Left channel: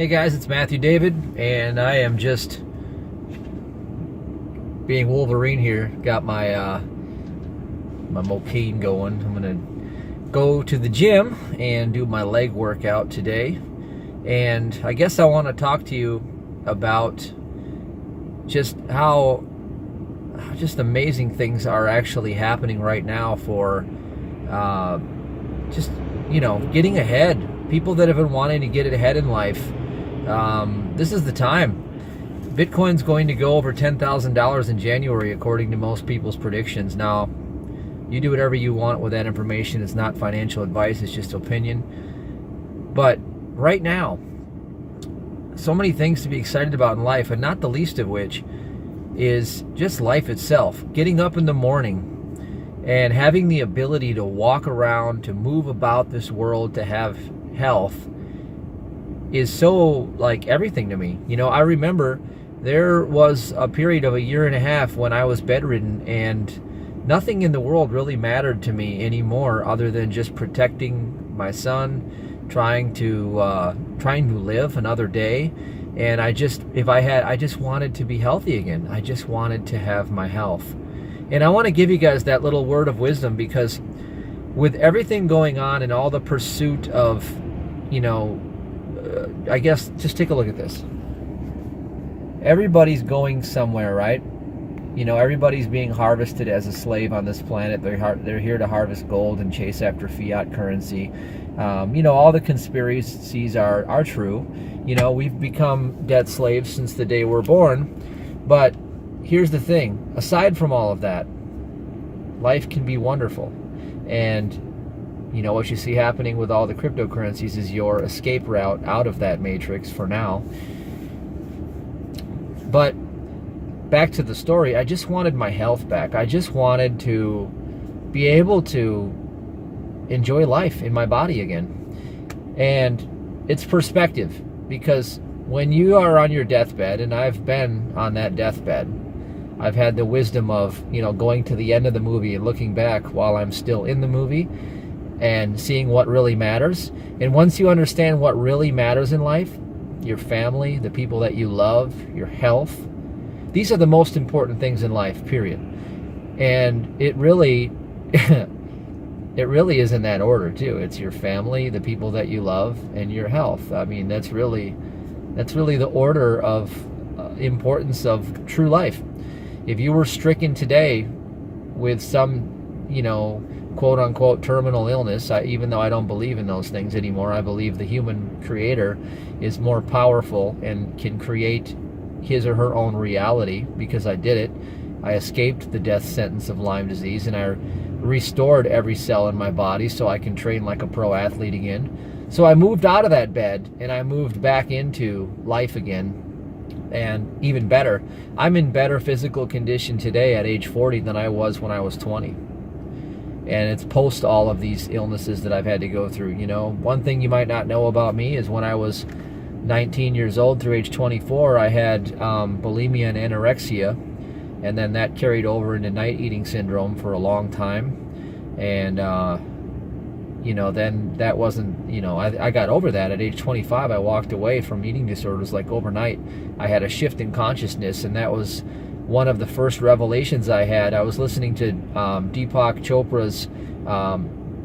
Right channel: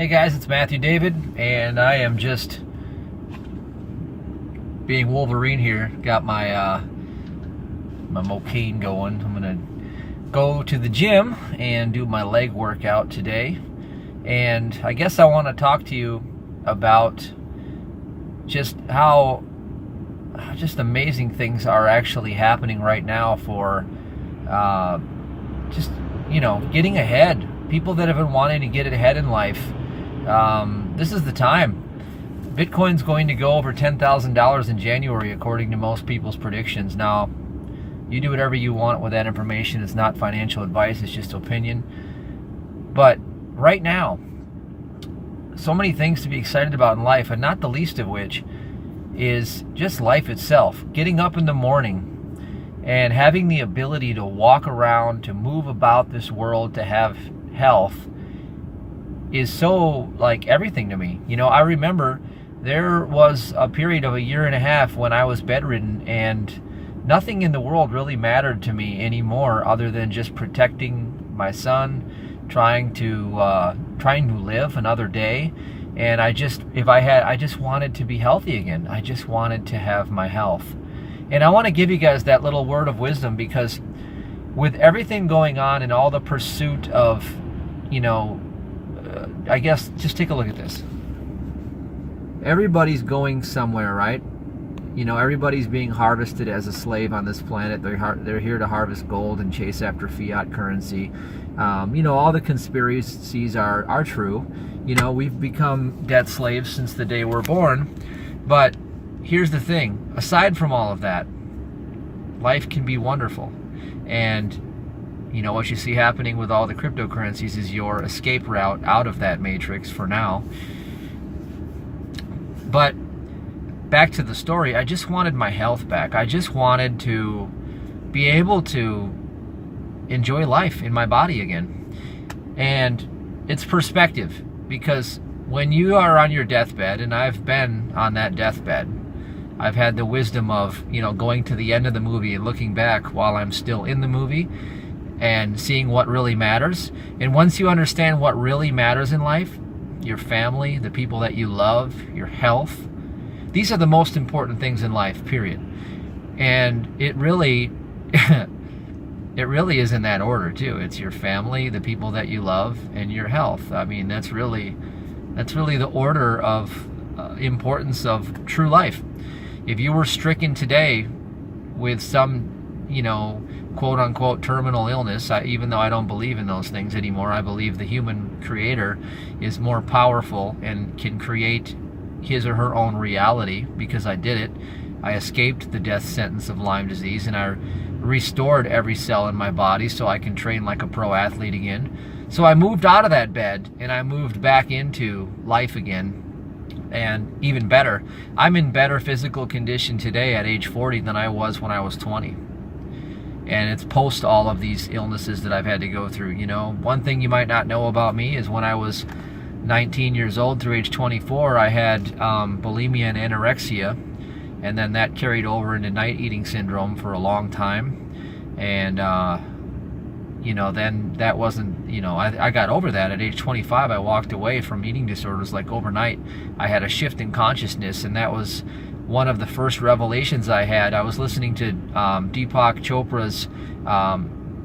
Hey guys, it's Matthew David, and I am just being Wolverine here. Got my my Mocaine going. I'm gonna go to the gym and do my leg workout today. And I guess I want to talk to you about just how just amazing things are actually happening right now for just, you know, getting ahead. People that have been wanting to get ahead in life. This is the time. Bitcoin's going to go over $10,000 in January, according to most people's predictions. Now, you do whatever you want with that information. It's not financial advice, it's just opinion. But right now, so many things to be excited about in life, and not the least of which is just life itself. Getting up in the morning and having the ability to walk around, to move about this world, to have health is so like everything to me. You know, I remember there was a period of a year and a half when I was bedridden and nothing in the world really mattered to me anymore other than just protecting my son, trying to live another day. And I just wanted to be healthy again. I just wanted to have my health. And I want to give you guys that little word of wisdom, because with everything going on and all the pursuit of, you know, I guess just take a look at this. Everybody's going somewhere, right? You know, everybody's being harvested as a slave on this planet. They're here to harvest gold and chase after fiat currency. You know, all the conspiracies are true. You know, we've become debt slaves since the day we're born. But here's the thing. Aside from all of that, life can be wonderful. And you know, what you see happening with all the cryptocurrencies is your escape route out of that matrix for now. But back to the story, I just wanted my health back. I just wanted to be able to enjoy life in my body again. And it's perspective, because when you are on your deathbed, and I've been on that deathbed, I've had the wisdom of, you know, going to the end of the movie and looking back while I'm still in the movie and seeing what really matters. And once you understand what really matters in life, your family, the people that you love, your health, these are the most important things in life, period. And it really it really is in that order too. It's your family, the people that you love, and your health. I mean, that's really the order of importance of true life. If you were stricken today with some, you know, quote-unquote terminal illness, even though I don't believe in those things anymore, I believe the human creator is more powerful and can create his or her own reality, because I did it. I escaped the death sentence of Lyme disease, and I restored every cell in my body so I can train like a pro athlete again. So I moved out of that bed and I moved back into life again. And even better, I'm in better physical condition today at age 40 than I was when I was 20. And it's post all of these illnesses that I've had to go through. You know, one thing you might not know about me is when I was 19 years old through age 24, I had bulimia and anorexia. And then that carried over into night eating syndrome for a long time. And, you know, then that wasn't, you know, I got over that. At age 25, I walked away from eating disorders like overnight. I had a shift in consciousness, and that was one of the first revelations I had. I was listening to Deepak Chopra's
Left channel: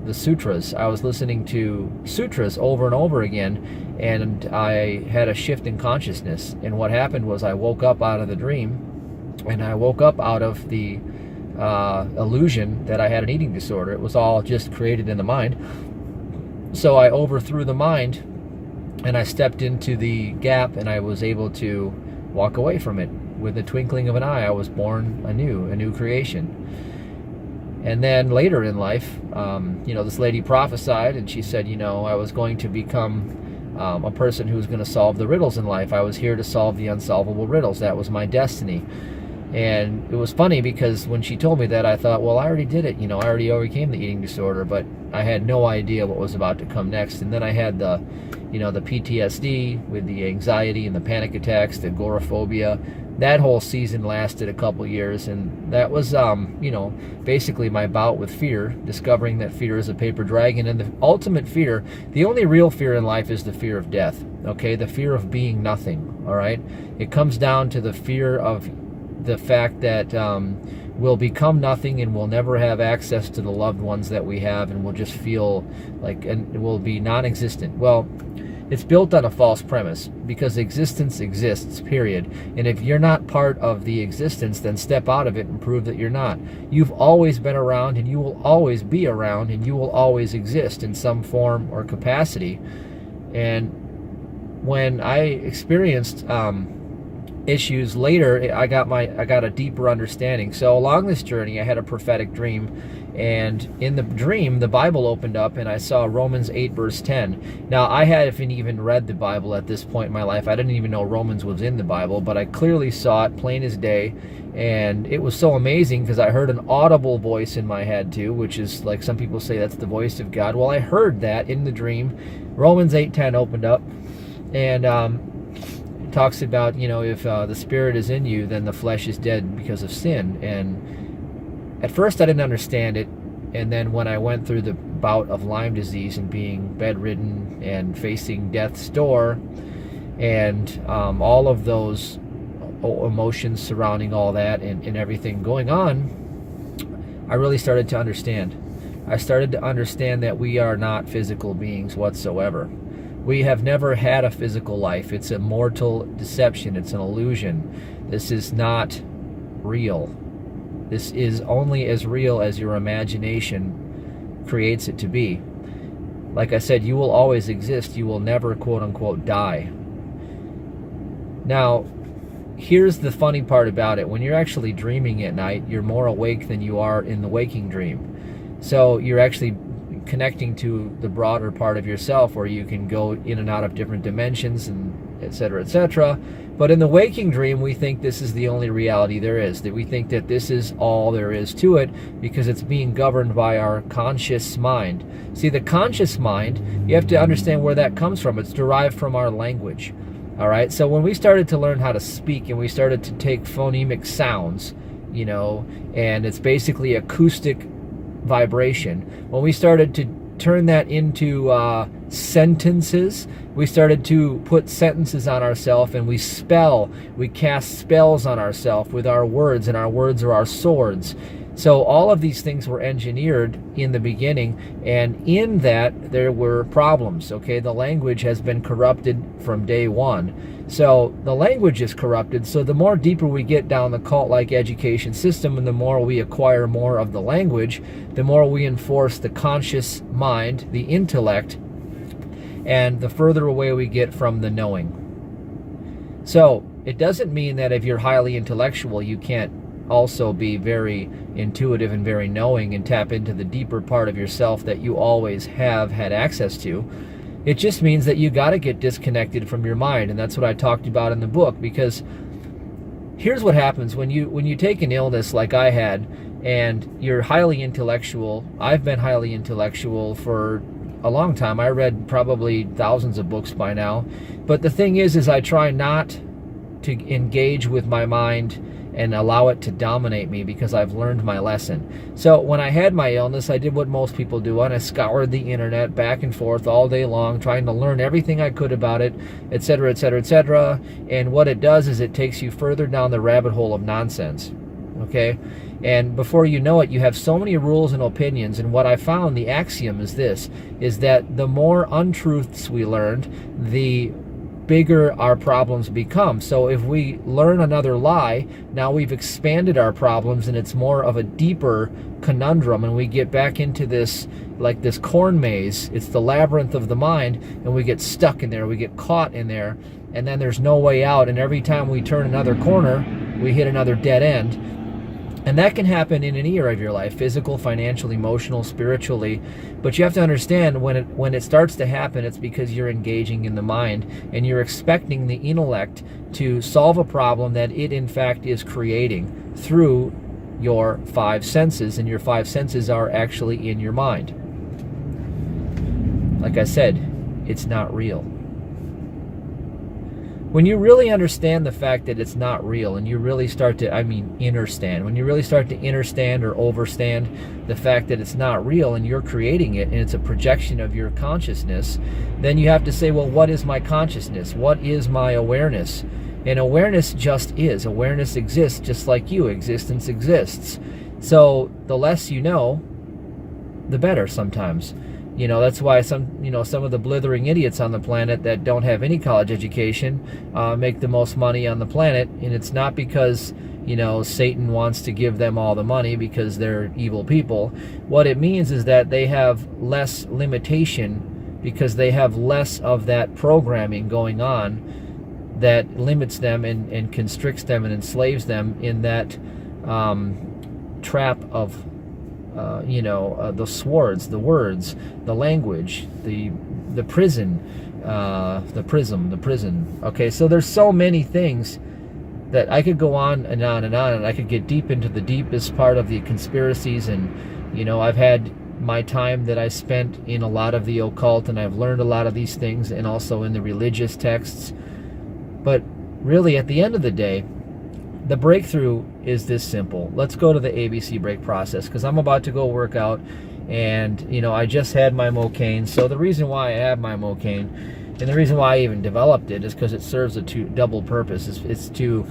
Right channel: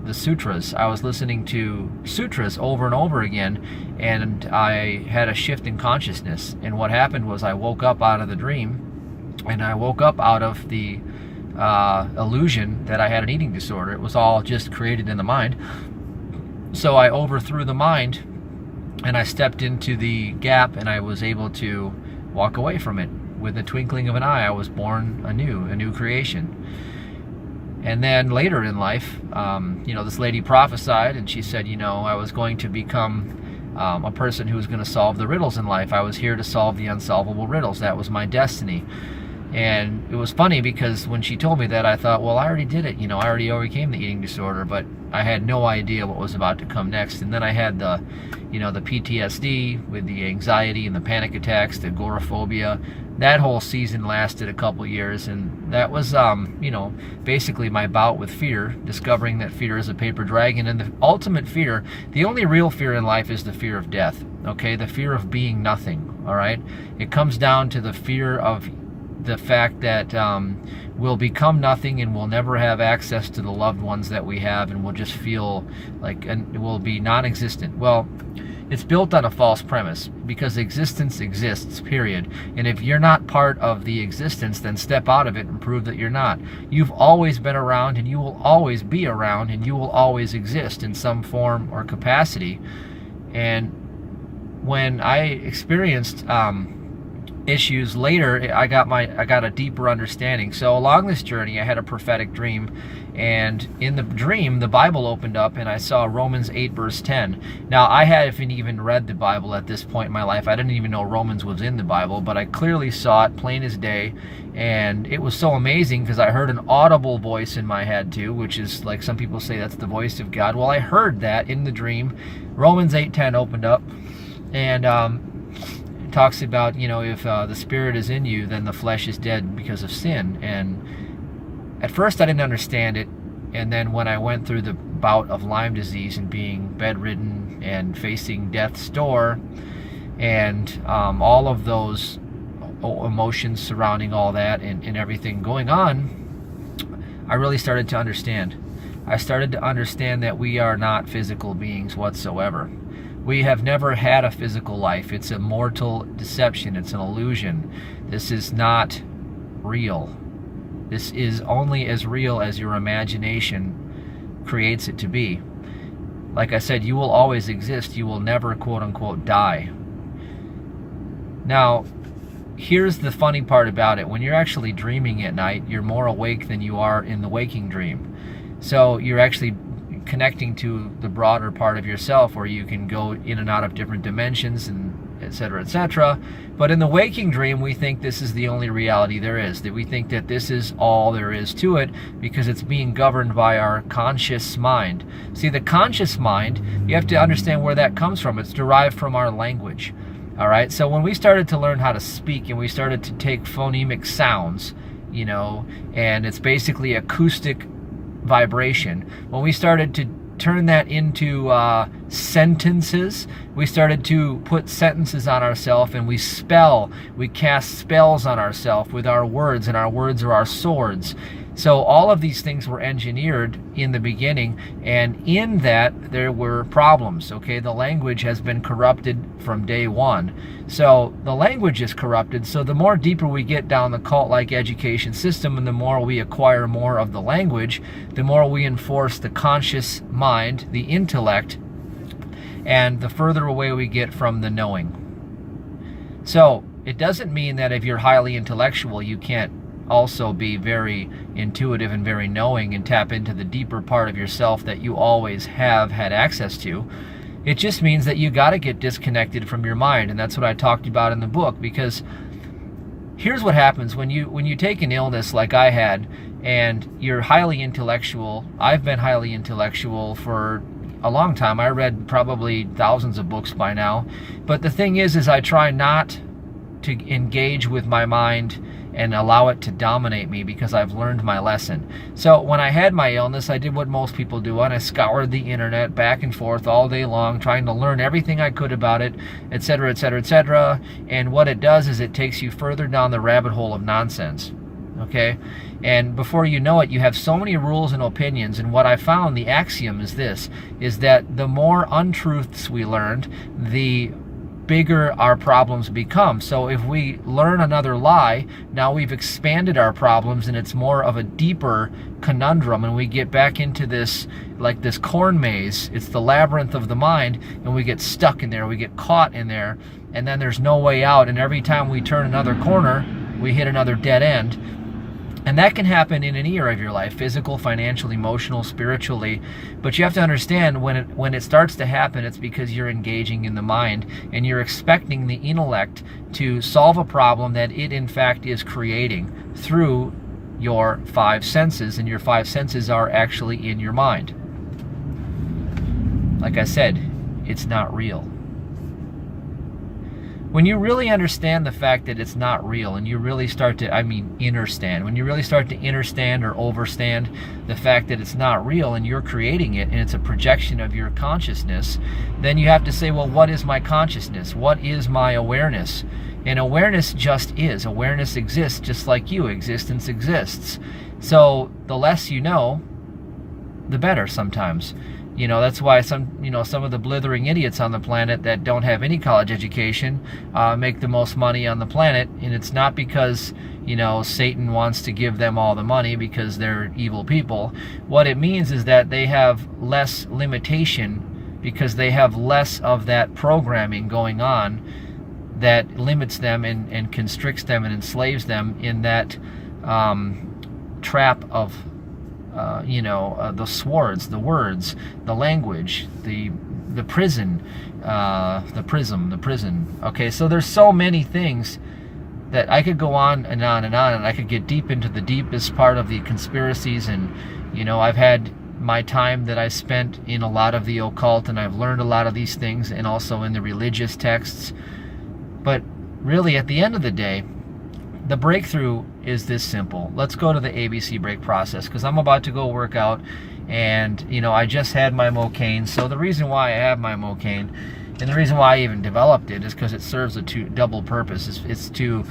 the sutras. I was listening to sutras over and over again, and I had a shift in consciousness. And what happened was I woke up out of the dream, and I woke up out of the illusion that I had an eating disorder. It was all just created in the mind. So I overthrew the mind, and I stepped into the gap, and I was able to walk away from it. With the twinkling of an eye, I was born anew, a new creation. And then later in life, you know, this lady prophesied, and she said, you know, I was going to become a person who was going to solve the riddles in life. I was here to solve the unsolvable riddles. That was my destiny. And it was funny because when she told me that, I thought, well, I already did it. You know, I already overcame the eating disorder, but I had no idea what was about to come next. And then I had the, you know, the PTSD with the anxiety and the panic attacks, the agoraphobia. That whole season lasted a couple years, and that was, you know, basically my bout with fear, discovering that fear is a paper dragon. And the ultimate fear, the only real fear in life is the fear of death, okay? The fear of being nothing, all right? It comes down to the fear of the fact that we'll become nothing and we'll never have access to the loved ones that we have, and we'll just feel like, and it will be non-existent. Well, it's built on a false premise, because existence exists, period. And if you're not part of the existence, then step out of it and prove that you're not. You've always been around, and you will always be around, and you will always exist in some form or capacity. And when I experienced issues later, I got a deeper understanding. So along this journey, I had a prophetic dream, and in the dream, the Bible opened up, and I saw Romans 8 verse 10. Now, I hadn't even read the Bible at this point in my life. I didn't even know Romans was in the Bible, but I clearly saw it plain as day, and it was so amazing because I heard an audible voice in my head too, which is like some people say that's the voice of God. Well, I heard that in the dream. Romans 8:10 opened up, and it talks about, you know, if the Spirit is in you, then the flesh is dead because of sin. And at first I didn't understand it, and then when I went through the bout of Lyme disease and being bedridden and facing death's door, and all of those emotions surrounding all that, and everything going on, I really started to understand. I started to understand that we are not physical beings whatsoever. We have never had a physical life. It's a mortal deception. It's an illusion. This is not real. This is only as real as your imagination creates it to be. Like I said, you will always exist. You will never, quote unquote, die. Now, here's the funny part about it. When you're actually dreaming at night, you're more awake than you are in the waking dream. So you're actually connecting to the broader part of yourself, where you can go in and out of different dimensions, and etc., etc. But in the waking dream, we think this is the only reality there is, that we think that this is all there is to it, because it's being governed by our conscious mind. See, the conscious mind, you have to understand where that comes from. It's derived from our language. All right, so when we started to learn how to speak, and we started to take phonemic sounds, you know, and it's basically acoustic vibration. When we started to turn that into sentences, we started to put sentences on ourselves, and we cast spells on ourselves with our words, and our words are our swords. So all of these things were engineered in the beginning, and in that there were problems, okay? The language has been corrupted from day one. So the language is corrupted, so the more deeper we get down the cult-like education system, and the more we acquire more of the language, the more we enforce the conscious mind, the intellect, and the further away we get from the knowing. So it doesn't mean that if you're highly intellectual, you can't also be very intuitive and very knowing and tap into the deeper part of yourself that you always have had access to. It just means that you got to get disconnected from your mind, and that's what I talked about in the book. Because here's what happens when you take an illness like I had, and you're highly intellectual. I've been highly intellectual for a long time. I read probably thousands of books by now, but the thing is I try not to engage with my mind and allow it to dominate me, because I've learned my lesson. So when I had my illness, I did what most people do, and I scoured the internet back and forth all day long, trying to learn everything I could about it, etc., etc., etc. And what it does is it takes you further down the rabbit hole of nonsense, okay? And before you know it, you have so many rules and opinions. And what I found, the axiom is this, is that the more untruths we learned, the bigger our problems become. So if we learn another lie, now we've expanded our problems, and it's more of a deeper conundrum, and we get back into this, like this corn maze. It's the labyrinth of the mind, and we get stuck in there, we get caught in there, and then there's no way out. And every time we turn another corner, we hit another dead end. And that can happen in any area of your life, physical, financial, emotional, spiritually. But you have to understand when it starts to happen, it's because you're engaging in the mind and you're expecting the intellect to solve a problem that it in fact is creating through your five senses, and your five senses are actually in your mind. Like I said, it's not real. When you really understand the fact that it's not real, and you really start to, understand, when you really start to understand or overstand the fact that it's not real and you're creating it and it's a projection of your consciousness, then you have to say, well, what is my consciousness? What is my awareness? And awareness just is. Awareness exists just like you. Existence exists. So the less you know, the better sometimes. That's why some of the blithering idiots on the planet that don't have any college education make the most money on the planet. And it's not because, Satan wants to give them all the money because they're evil people. What it means is that they have less limitation because they have less of that programming going on that limits them and constricts them and enslaves them in that trap of the swords, the words, the language, the prison, the prison. Okay, so there's so many things that I could go on and on and on, and I could get deep into the deepest part of the conspiracies. And I've had my time that I spent in a lot of the occult, and I've learned a lot of these things, and also in the religious texts. But really, at the end of the day, the breakthrough is this simple. Let's go to the ABC break process, because I'm about to go work out, and I just had my Mocaine. So the reason why I have my Mocaine, and the reason why I even developed it, is because it serves a double purpose. It's to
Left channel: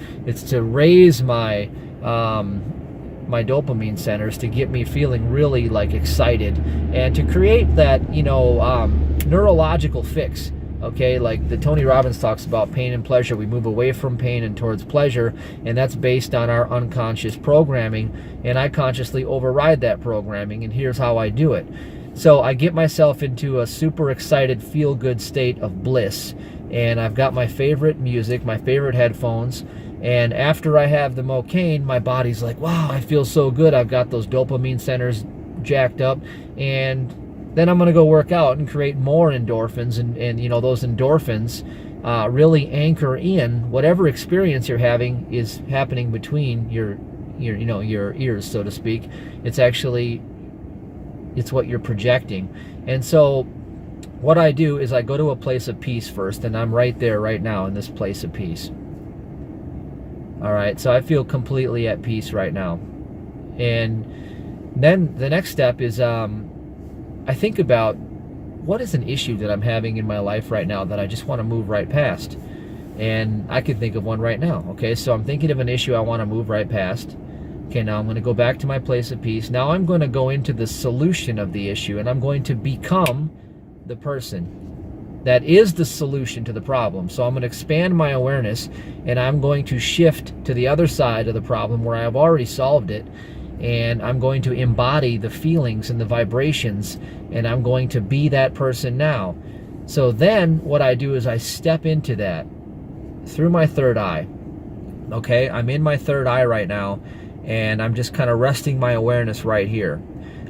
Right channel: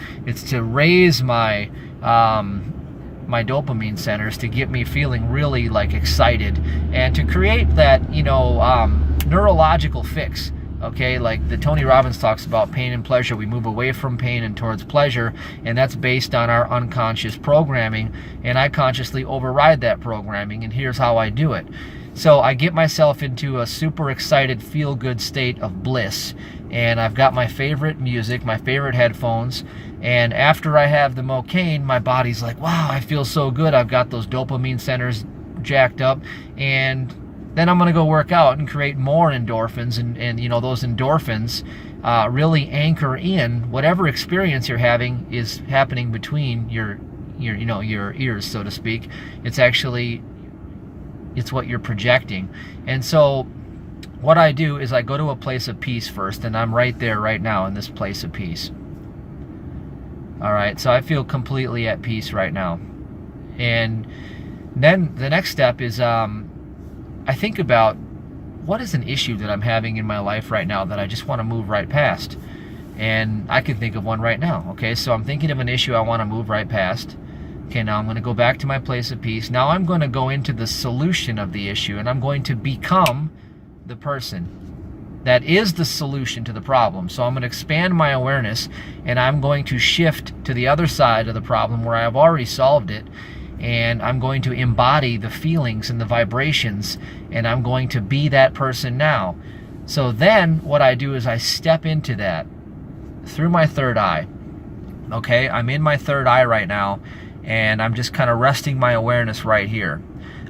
raise my my dopamine centers, to get me feeling really excited, and to create that neurological fix. Okay, like the Tony Robbins talks about pain and pleasure. We move away from pain and towards pleasure, and that's based on our unconscious programming, and I consciously override that programming, and here's how I do it. So I get myself into a super excited, feel-good state of bliss, and I've got my favorite music, my favorite headphones, and after I have the Mocaine, my body's like, wow, I feel so good. I've got those dopamine centers jacked up, and then I'm going to go work out and create more endorphins, and those endorphins really anchor in whatever experience you're having is happening between your ears, so to speak. It's what you're projecting. And so what I do is I go to a place of peace first, and I'm right there right now in this place of peace. All right, so I feel completely at peace right now. And then the next step is I think about what is an issue that I'm having in my life right now that I just want to move right past. And I can think of one right now. Okay, so I'm thinking of an issue I want to move right past. Okay, now I'm going to go back to my place of peace. Now I'm going to go into the solution of the issue, and I'm going to become the person that is the solution to the problem. So I'm going to expand my awareness, and I'm going to shift to the other side of the problem where I have already solved it. And I'm going to embody the feelings and the vibrations, and I'm going to be that person now. So then what I do is I step into that through my third eye. Okay, I'm in my third eye right now, and I'm just kind of resting my awareness right here.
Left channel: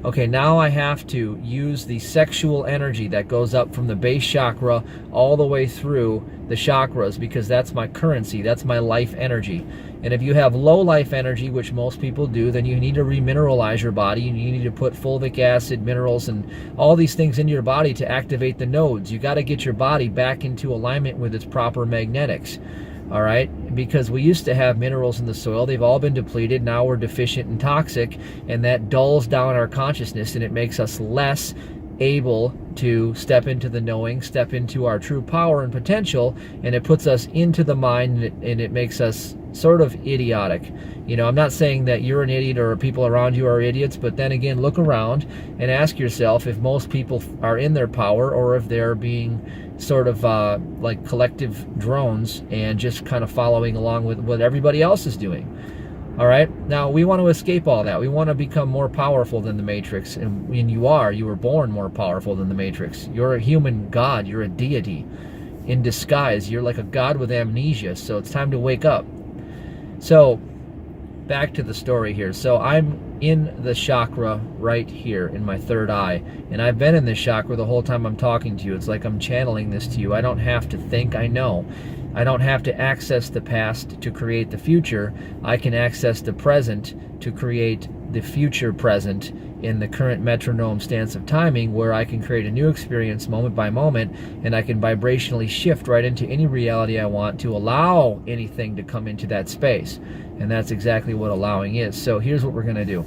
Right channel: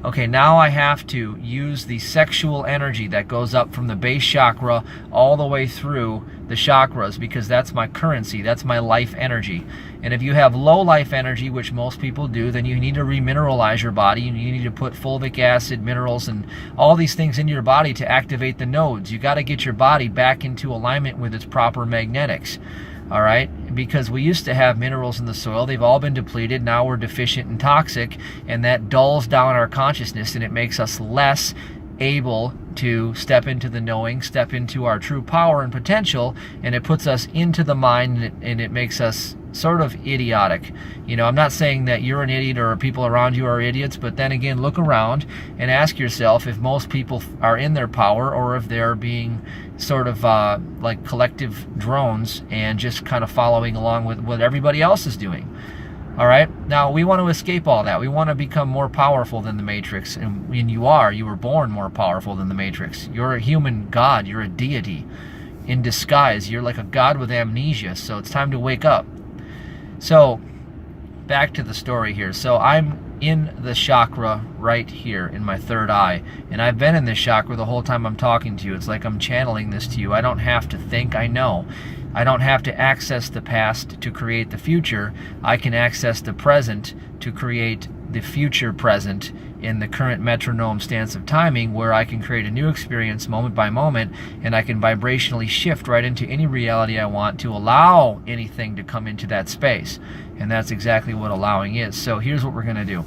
Okay, now I have to use the sexual energy that goes up from the base chakra all the way through the chakras, because that's my currency, that's my life energy. And if you have low life energy, which most people do, then you need to remineralize your body. You need to put fulvic acid, minerals, and all these things into your body to activate the nodes. You got to get your body back into alignment with its proper magnetics. All right, because we used to have minerals in the soil. They've all been depleted. Now we're deficient and toxic, and that dulls down our consciousness, and it makes us less able to step into the knowing, step into our true power and potential, and it puts us into the mind, and it makes us sort of idiotic. I'm not saying that you're an idiot or people around you are idiots, but then again, look around and ask yourself if most people are in their power, or if they're being sort of like collective drones and just kind of following along with what everybody else is doing. All right, now we want to escape all that. We want to become more powerful than the Matrix, and you were born more powerful than the Matrix. You're a human god, you're a deity in disguise. You're like a god with amnesia, so it's time to wake up. So back to the story here. So I'm in the chakra right here in my third eye, and I've been in this chakra the whole time I'm talking to you. It's like I'm channeling this to you. I don't have to think, I know. I don't have to access the past to create the future. I can access the present to create the future present in the current metronome stance of timing, where I can create a new experience moment by moment, and I can vibrationally shift right into any reality I want to allow anything to come into that space. And that's exactly what allowing is. So here's what we're going to do.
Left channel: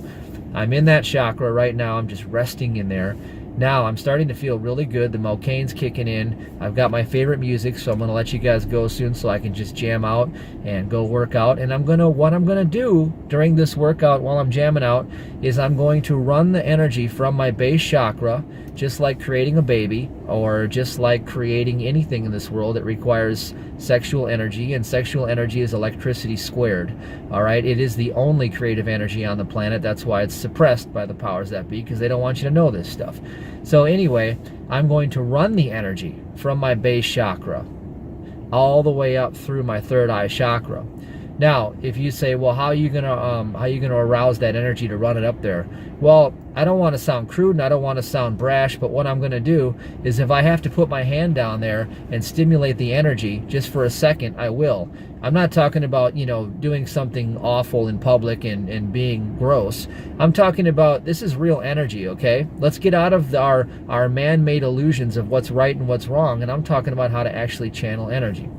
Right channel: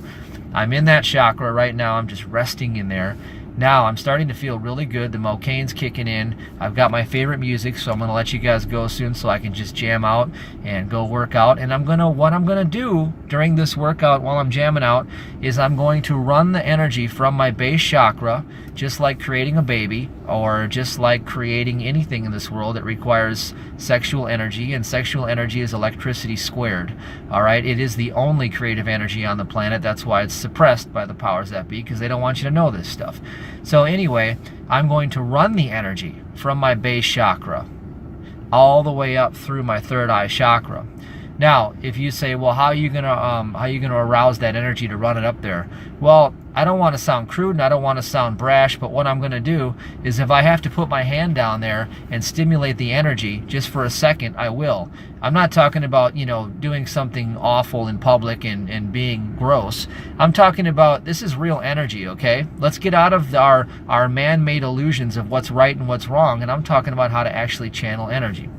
I'm in that chakra right now. I'm just resting in there. Now I'm starting to feel really good. The Mocaine's kicking in. I've got my favorite music, so I'm going to let you guys go soon so I can just jam out and go work out. And what I'm going to do during this workout while I'm jamming out is I'm going to run the energy from my base chakra, just like creating a baby, or just like creating anything in this world that requires sexual energy, and sexual energy is electricity squared. All right, it is the only creative energy on the planet. That's why it's suppressed by the powers that be, because they don't want you to know this stuff. So anyway, I'm going to run the energy from my base chakra all the way up through my third eye chakra. Now, if you say, well, how are you gonna arouse that energy to run it up there? Well, I don't want to sound crude and I don't want to sound brash, but what I'm going to do is, if I have to put my hand down there and stimulate the energy just for a second, I will. I'm not talking about, doing something awful in public and being gross. I'm talking about, this is real energy, okay? Let's get out of our man-made illusions of what's right and what's wrong, and I'm talking about how to actually channel energy.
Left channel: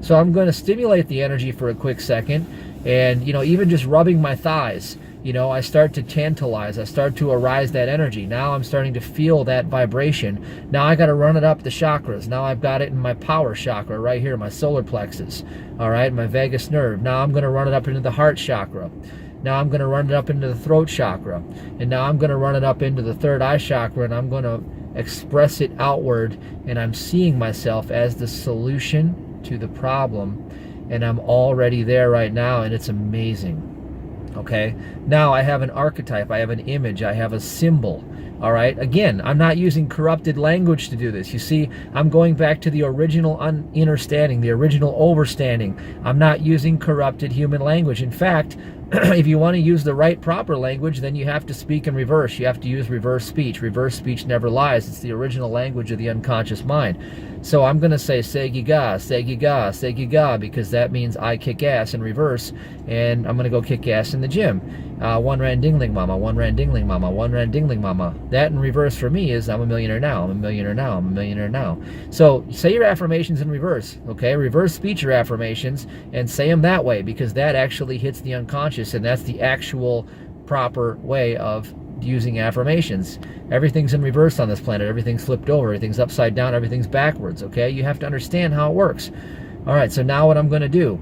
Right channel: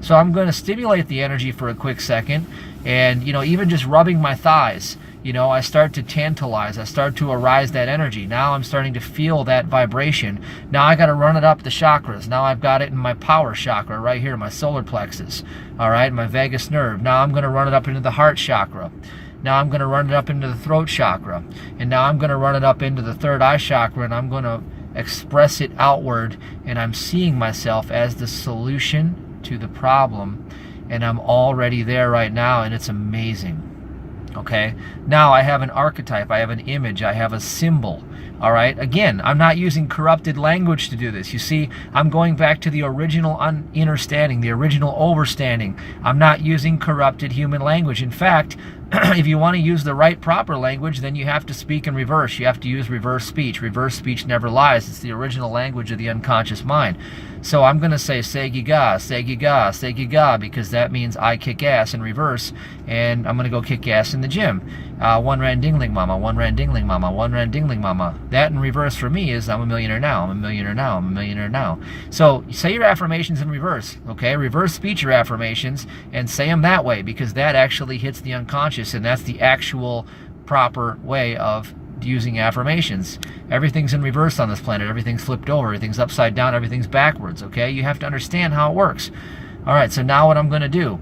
So I'm going to stimulate the energy for a quick second, and, even just rubbing my thighs, I start to tantalize. I start to arise that energy. Now I'm starting to feel that vibration. Now I got to run it up the chakras. Now I've got it in my power chakra right here, my solar plexus, all right, my vagus nerve. Now I'm going to run it up into the heart chakra. Now I'm going to run it up into the throat chakra. And now I'm going to run it up into the third eye chakra, and I'm going to express it outward, and I'm seeing myself as the solution to the problem, and I'm already there right now, and it's amazing. Okay, now I have an archetype, I have an image, I have a symbol. All right, again, I'm not using corrupted language to do this. You see, I'm going back to the original understanding, the original overstanding. I'm not using corrupted human language. In fact, if you want to use the right proper language, then you have to speak in reverse. You have to use reverse speech. Reverse speech never lies. It's the original language of the unconscious mind. So I'm going to say segiga, segiga, segiga, because that means I kick ass in reverse, and I'm going to go kick ass in the gym. One rand dingling mama, one rand dingling mama, one rand dingling mama. That in reverse for me is I'm a millionaire now, I'm a millionaire now, I'm a millionaire now. So say your affirmations in reverse, okay? Reverse speech your affirmations and say them that way, because that actually hits the unconscious, and that's the actual proper way of using affirmations. Everything's in reverse on this planet. Everything's flipped over. Everything's upside down. Everything's backwards, okay? You have to understand how it works. All right, so now what I'm going to do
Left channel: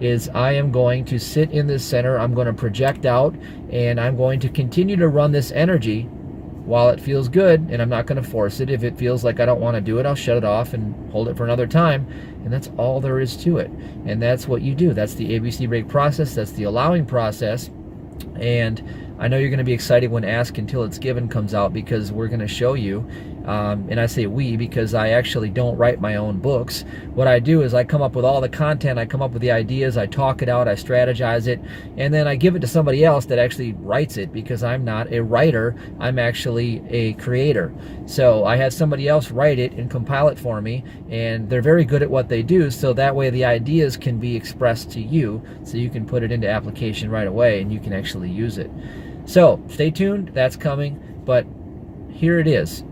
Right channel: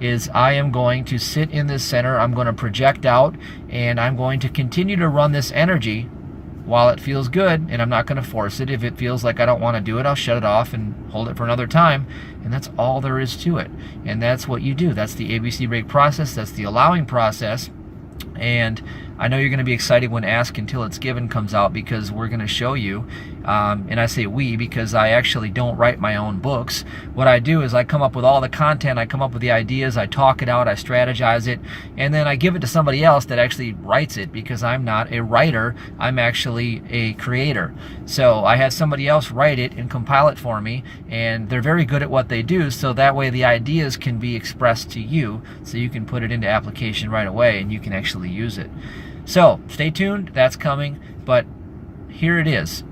is I am going to sit in this center. I'm going to project out, and I'm going to continue to run this energy while it feels good, and I'm not going to force it. If it feels like I don't want to do it, I'll shut it off and hold it for another time, and that's all there is to it. And that's what you do. That's the ABC break process. That's the allowing process. And I know you're going to be excited when Ask Until It's Given comes out, because we're going to show you, and I say we because I actually don't write my own books. What I do is I come up with all the content, I come up with the ideas, I talk it out, I strategize it, and then I give it to somebody else that actually writes it, because I'm not a writer, I'm actually a creator. So I have somebody else write it and compile it for me, and they're very good at what they do, so that way the ideas can be expressed to you, so you can put it into application right away and you can actually use it. So stay tuned, that's coming, but here it is.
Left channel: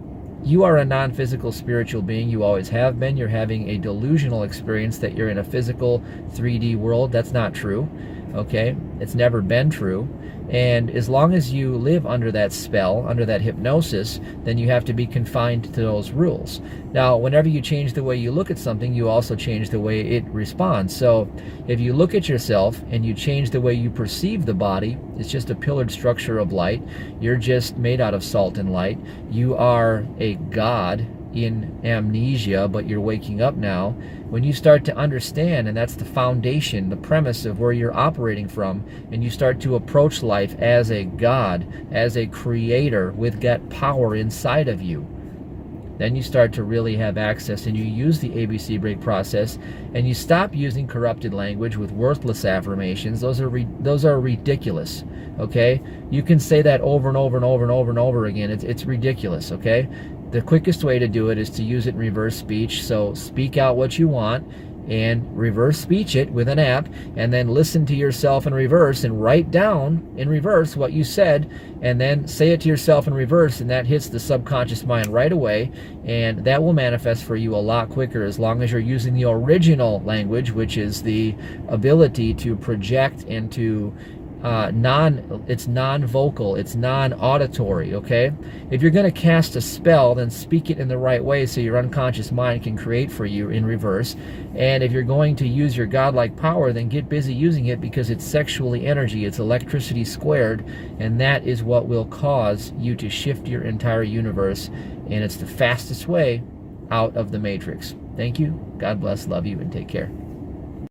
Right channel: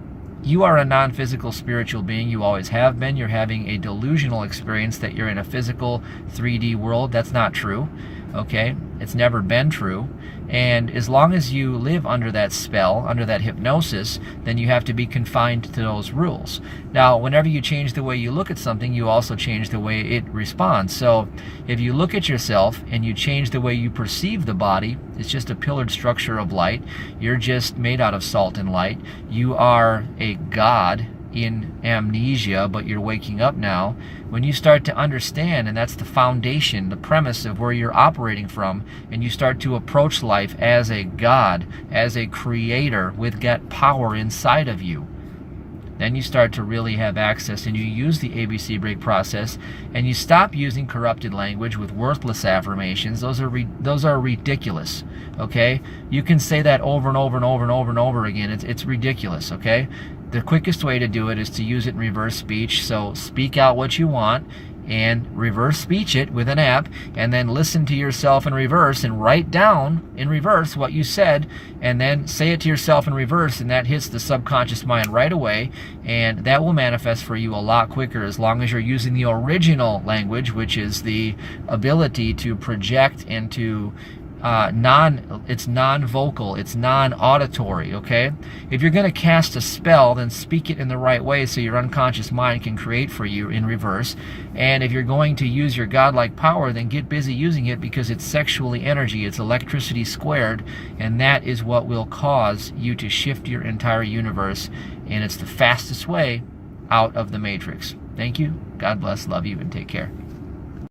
You are a non-physical spiritual being. You always have been. You're having a delusional experience that you're in a physical 3D world. That's not true, okay? It's never been true. And as long as you live under that spell, under that hypnosis, then you have to be confined to those rules. Now, whenever you change the way you look at something, you also change the way it responds. So if you look at yourself and you change the way you perceive the body, it's just a pillared structure of light. You're just made out of salt and light. You are a god in amnesia, but you're waking up now. When you start to understand, and that's the foundation, the premise of where you're operating from, and you start to approach life as a god, as a creator with that power inside of you, Then you start to really have access, and you use the ABC break process, and you stop using corrupted language with worthless affirmations. Those are ridiculous. Okay, you can say that over and over and over and over and over again. It's ridiculous. Okay, the quickest way to do it is to use it in reverse speech. So speak out what you want and reverse speech it with an app, and then listen to yourself in reverse and write down in reverse what you said, and then say it to yourself in reverse, and that hits the subconscious mind right away, and that will manifest for you a lot quicker as long as you're using the original language, which is the ability to project and to it's non-vocal, it's non-auditory. Okay, if you're going to cast a spell, then speak it in the right way so your unconscious mind can create for you in reverse. And if you're going to use your godlike power, then get busy using it, because it's sexually energy, it's electricity squared, and that is what will cause you to shift your entire universe, and it's the fastest way out of the matrix. Thank you, God bless, love you, and take care.